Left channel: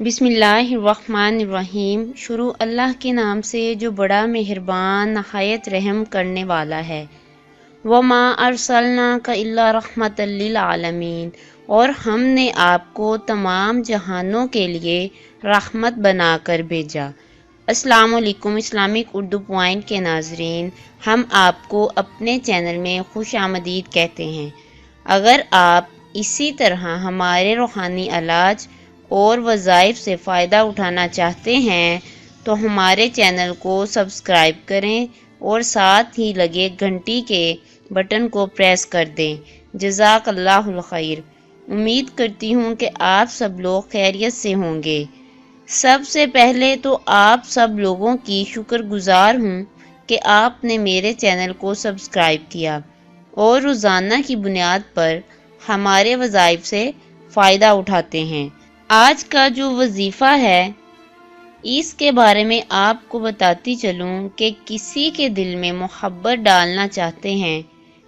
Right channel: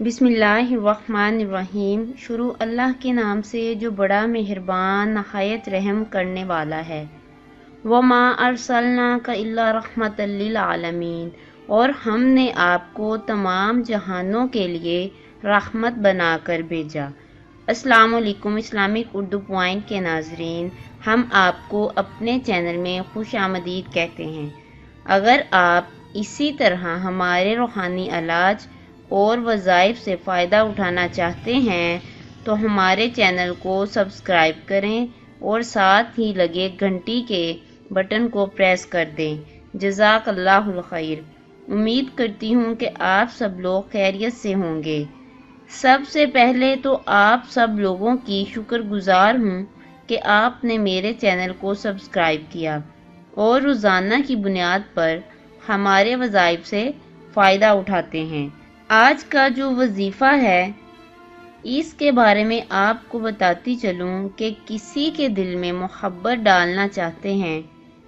بسم اللہ الرحمن الرحیم۔ شروع اللہ کے نام سے جو بڑا مہربان نہایت رحم کرنے والا ہے۔ وَمَا أَرْسَلْنَاكَ إِلَّا رَحْمَةً لِّلْعَالَمِينَ، اور ہم نے آپ کو تمام جہانوں کے لیے رحمت بنا کر بھیجا۔ السلام علیکم اسلامک اردو پوائنٹ کے ناظرین، ہم آپ کو اپنے چینل میں خوش آمدید کہتے ہیں۔ اگر آپ اسی طرح ہمارے روحانی علاج اور وظائف سے فائدہ اٹھانا چاہتے ہیں تو ہمارے چینل کو سبسکرائب کریں اور ساتھ ہی لگے گھنٹی کے بٹن کو پریس کر دیں۔ جزاک اللہ الخیر۔ امید کرتی ہوں کہ آپ سب لوگ خیریت سے ہوں گے۔ سب سے پہلے تو آپ سب لوگوں کی شکر گزار ہوں کہ آپ نے میرے چینل کو سبسکرائب کیا اور روزانہ کی بنیاد پر ہمارے وظائف سے فائدہ اٹھاتے ہیں۔ آج کا جو وظیفہ ہے اس کے بارے میں آپ کو بتاتی چلوں کہ کسی کے دل میں محبت ڈالنا چاہتے ہیں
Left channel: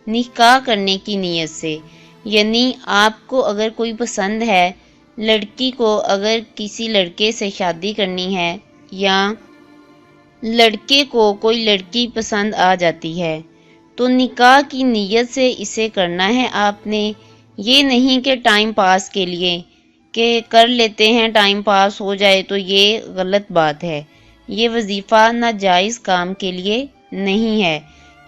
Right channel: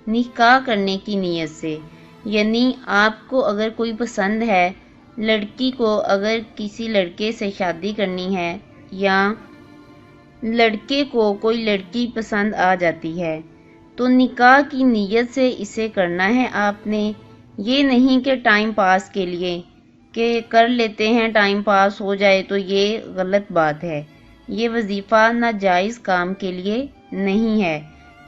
نکاح کرنے کی نیت سے، یعنی آپ کو اگر کوئی پسند ہے، لڑکی کو اگر کسی لڑکے سے شادی کرنی ہے یا لڑکے کو کوئی لڑکی پسند آ جاتی ہے تو نکاح کی نیت سے اسے کرنا ہے آپ نے۔ یہ نہیں کہ ٹائم پاس کے لیے کہ کر لیتے ہیں ٹائم پاس ہو جائے، تو یہ غلط بات ہے۔ یہ وظیفہ ناجائز کام کے لیے نہیں ہے۔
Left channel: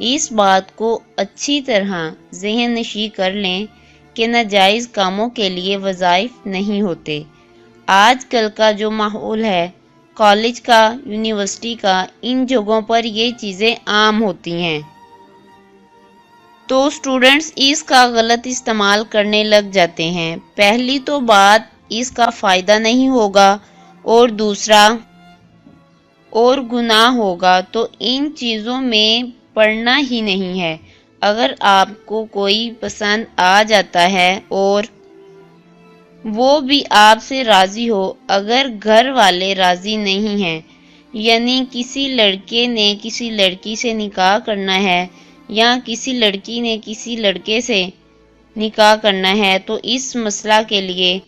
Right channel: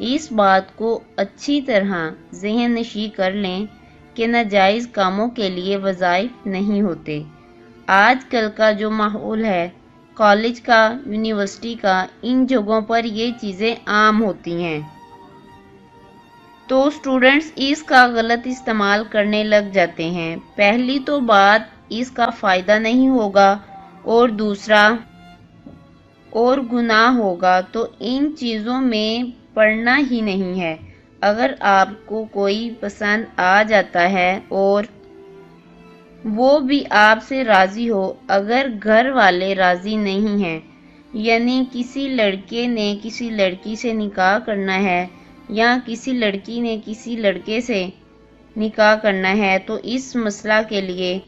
اس بات کو اچھی طرح ذہن نشین کر لیں کہ ناجائز کاموں کے لیے وظائف نہیں ہوتے۔ آج کل کا جو ماحول ہے، کالج کا، یونیورسٹی کا، ان جگہوں پر یہ چیزیں عام ہوتی ہیں تو اسٹوڈنٹس اس کا غلط استعمال کرنے لگ جاتے ہیں۔ پہلی تو بات اس کا فائدہ نہیں ہوگا اور دوسرا اور گناہ ہوگا، تو ان چیزوں میں پڑنا ہی نہیں ہے۔ اگر آپ کو کوئی پسند آ جاتا ہے اور وہ بھی آپ سے راضی ہو، اگر گھر والے راضی نہیں ہیں، یعنی کسی لڑکے نے کسی لڑکی سے نکاح کرنا ہے یا کسی لڑکی نے کسی لڑکے سے نکاح کرنا ہے، تو اس مسئلہ کے لیے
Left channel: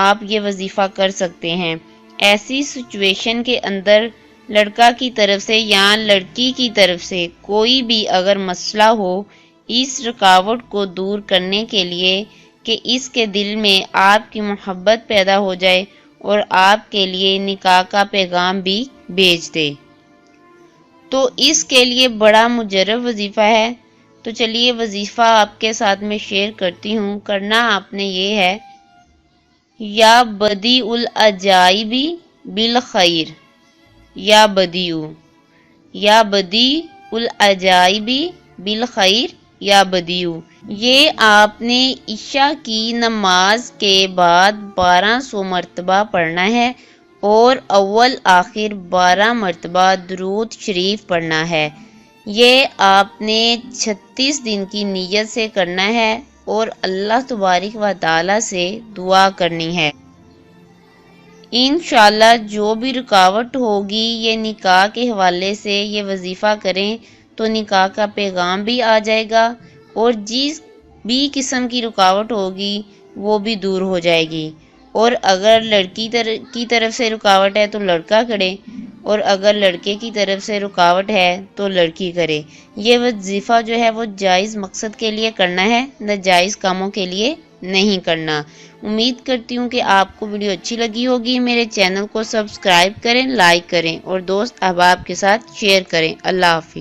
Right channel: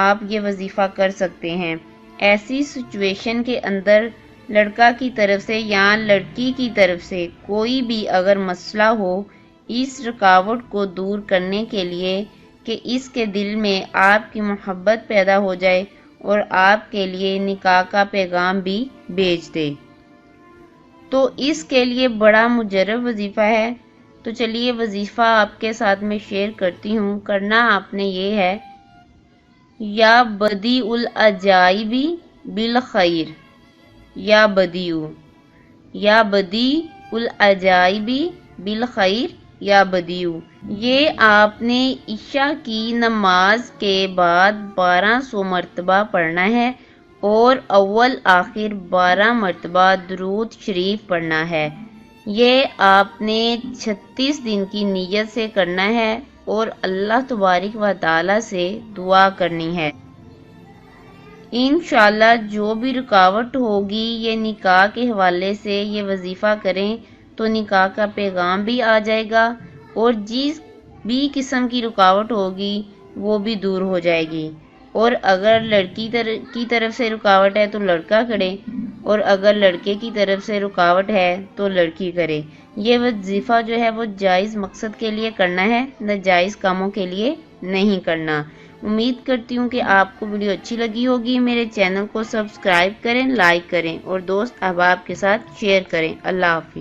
آپ یہ وظیفہ کر سکتے ہیں۔ ایسی سچویشن کے اندر لڑکا کی طرف سے یا لڑکی کی طرف سے کوئی بھی اگر مسئلہ ہو، اس رکاوٹ کو دور کرنے کے لیے کہ اس کے دل میں آپ کی محبت پیدا ہو جائے اور آپ کے لیے نکاح کا پیغام بھی بھیج دے، تو اس کے لیے بڑا مجرب وظیفہ ہے۔ تو چلیے وظیفہ آپ کے ساتھ میں شیئر کرتی ہوں۔ کرنا آپ نے یہ ہے، یا بدیع العجائب بالخیر، یا بدیع العجائب بالخیر، یا بدیع۔ یہ آپ نے عشاء کی نماز کے بعد 1200 مرتبہ پڑھنا ہے اور اول آخر 12 مرتبہ درود شریف پڑھنا ہے۔ یہ آپ نے 36 دن کی نیت سے کرنا ہے اور اللہ تبارک و تعالی سے دعا کرنی ہے۔ انشاءاللہ جو بھی رکاوٹ ہوگی، یہ نکاح کے حوالے سے یہ وظیفہ کریں تو نکاح کا پیغام بھی آ جائے گا اور جس بھی قسم کی رکاوٹ ہوگی وہ بھی دور ہو جائے گی۔ اور اگر لڑکی کی طرف سے رکاوٹ ہے تو لڑکا کرے، اور اگر لڑکے کی طرف سے رکاوٹ ہے تو لڑکی کرے۔ یہ وظیفہ جو ہے وہ جائز مقصد کے لیے کرنا ہے، ناجائز کاموں کے لیے نہیں کرنا۔ امید کرتی ہوں کہ آپ کو ویڈیو اچھی لگی ہوگی۔ میرے چینل کو سبسکرائب کریں، لائک کریں اور دوست احباب کے ساتھ شیئر کریں۔ اللہ حافظ۔